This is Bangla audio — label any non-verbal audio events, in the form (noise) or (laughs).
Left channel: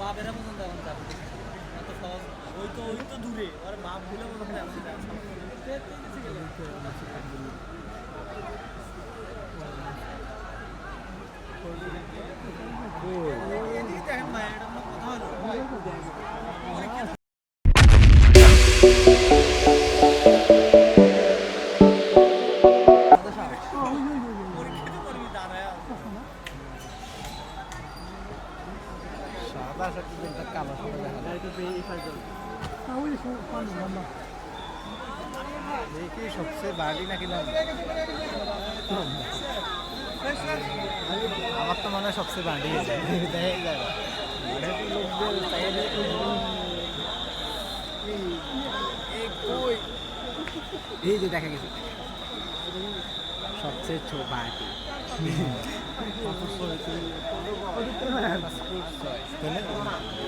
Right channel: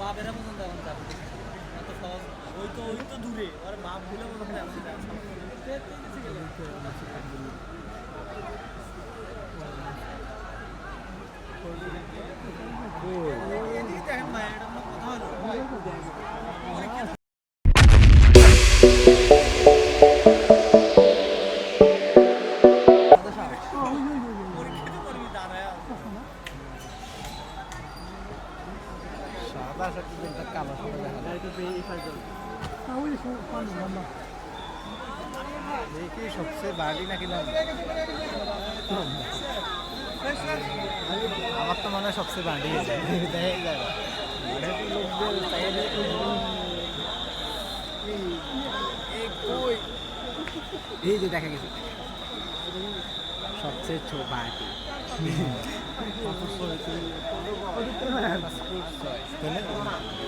বাপেরা পর্যন্ত এখন যাবে এত সহজ। ওই তো ওই তো দূরে। ওর বাপ ভুলে পর্যন্ত এখন সবচেয়ে বাড়ি নাকি না আমার তো মনে হয় সবচেয়ে বাড়ি দেখাই এই যে দেখা গেছে সবচেয়ে ছোট বাড়ি (laughs) ます。